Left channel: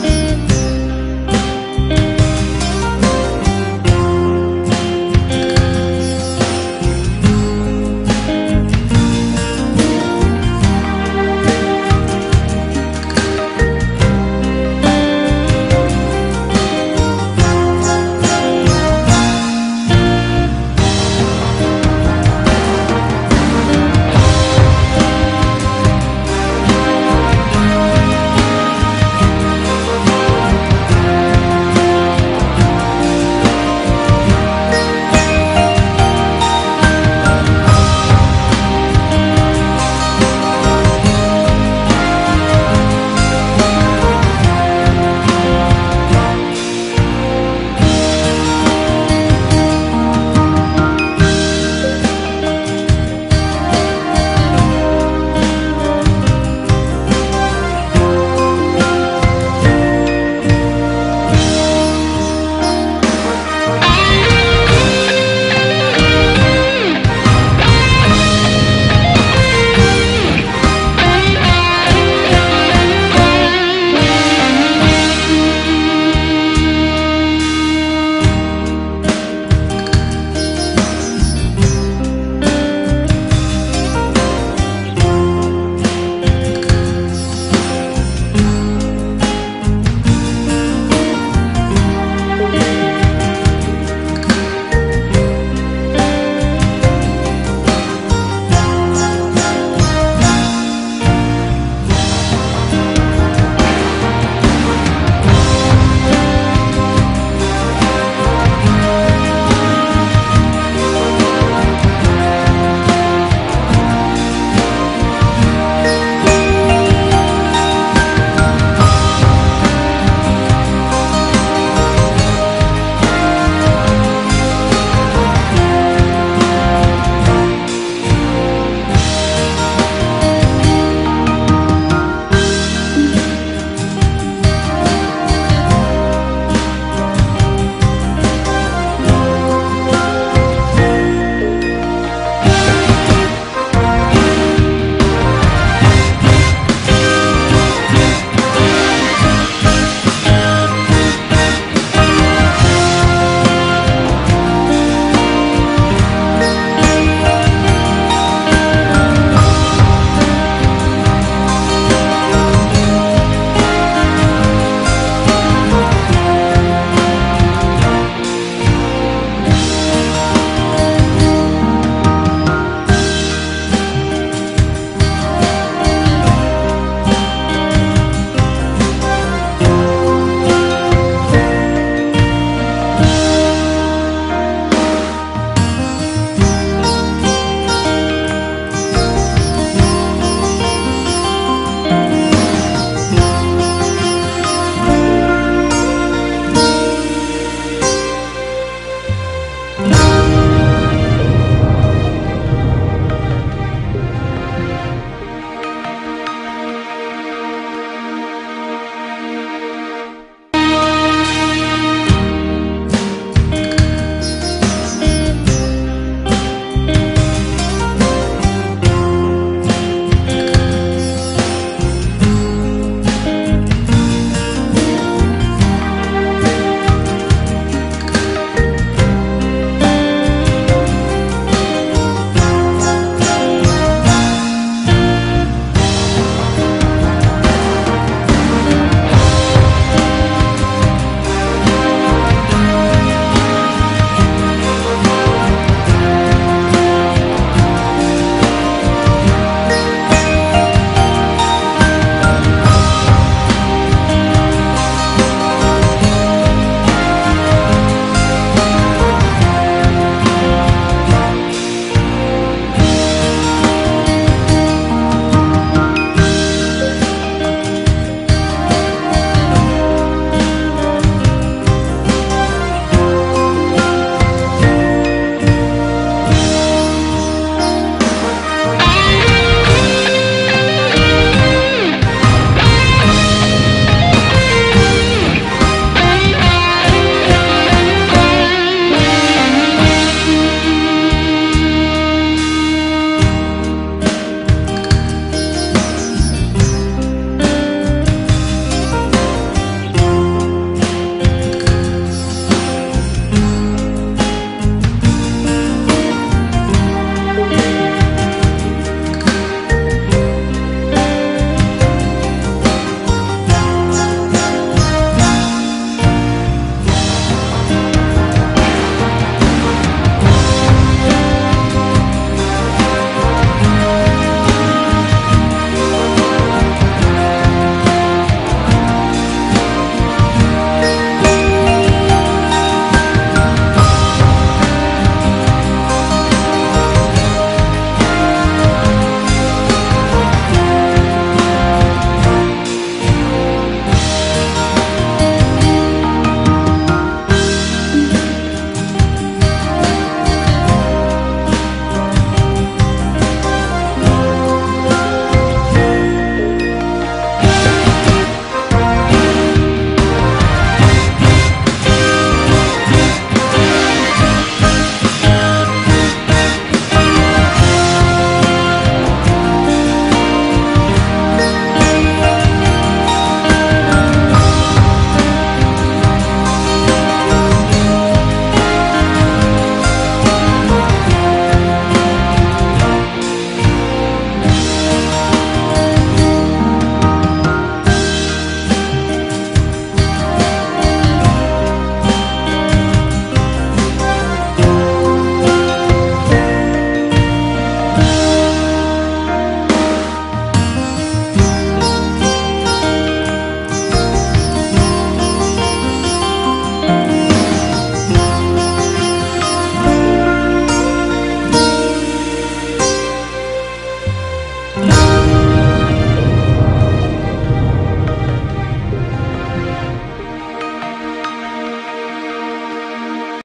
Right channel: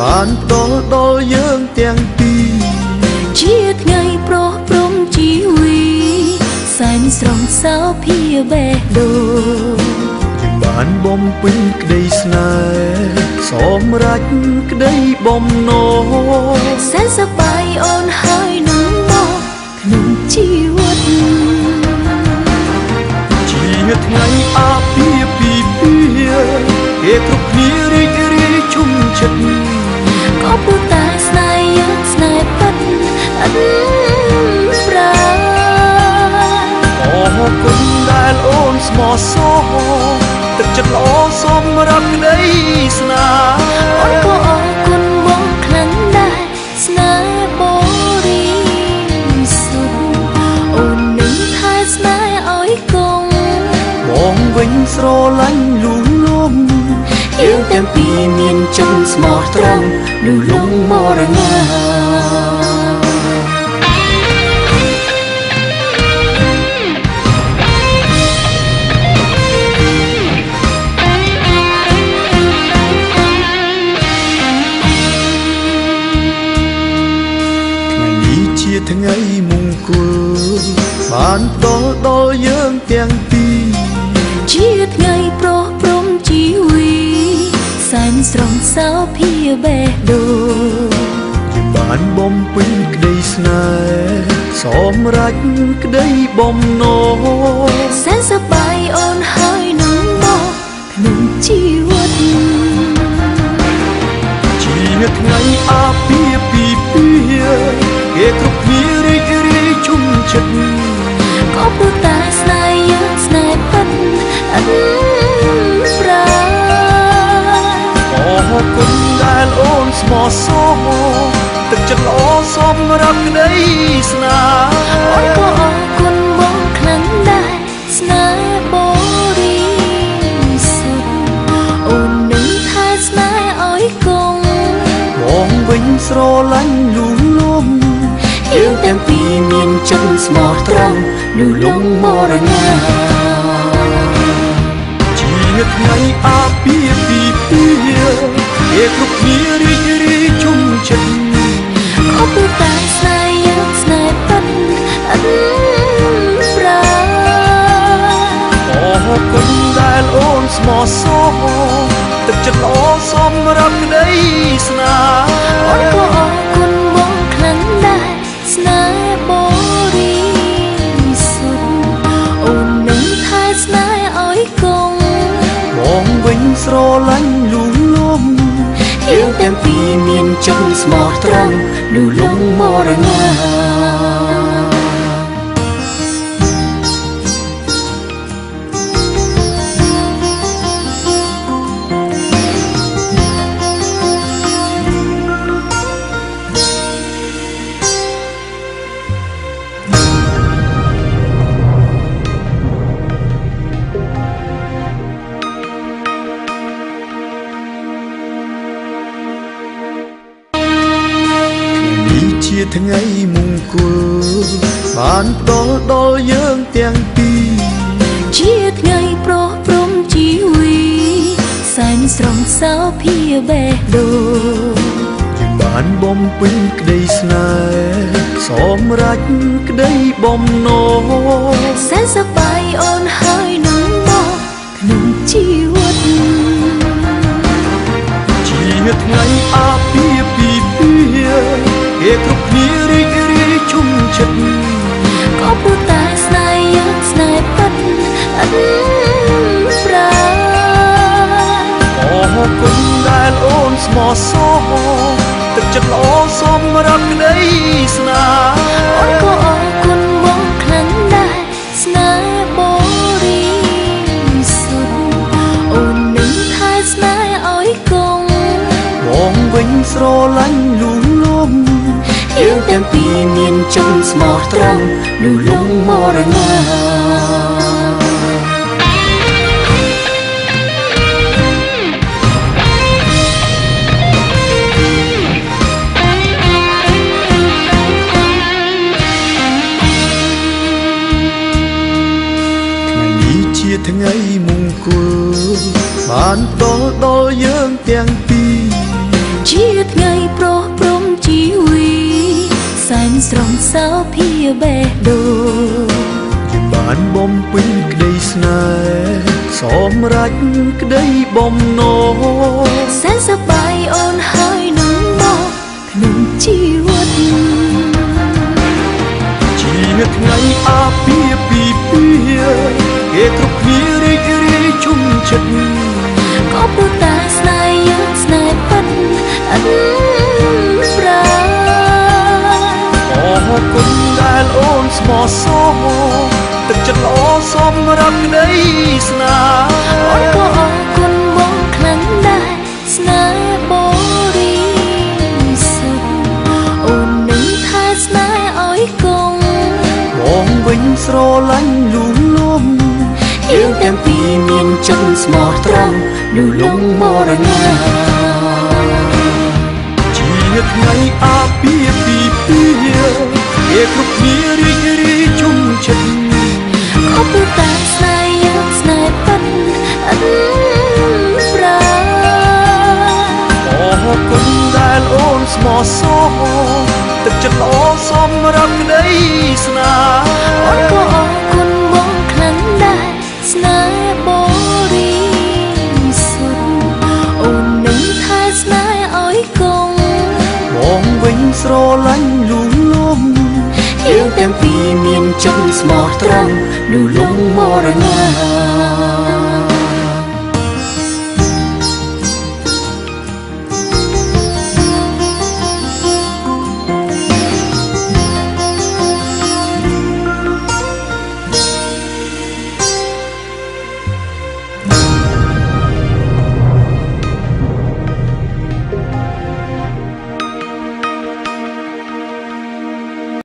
បានតដល់យើងទាំងពីរជាថ្ងៃប្រោះព្រំជីវីសែនស្រស់សោភាវេដូបានបំពេញក្តីស្នេហ៍សម្រេចក្តីបំណងសែនសប្បាយអូនហើយនឹងមកក្នុងជីវិតថ្ងៃអាពាហ៍ពិពាហ៍គេគ្រប់គ្នារីករាយជុំចិត្តខំពុតាស្នេហ៍យើងស្នេហ៍ពិតអត់ប្រាអរគុណដែលអូនស្មោះសរទឹកចិត្តល្អសម្រាប់ក្តីស្នេហ៍អូនក៏អរគុណបងខ្លាំងដែរស្នេហ៍បរិសុទ្ធអូននឹងថែស្នេហ៍ឲ្យគង់បងវិញស្រឡាញ់លួងលោមយើងទាំងពីរមានចិត្តស្មោះត្រង់ឬលងមរណាជាថ្ងៃមង្គលបានដល់យើងទាំងពីរជាថ្ងៃប្រោះព្រំជីវីសែនស្រស់សោភា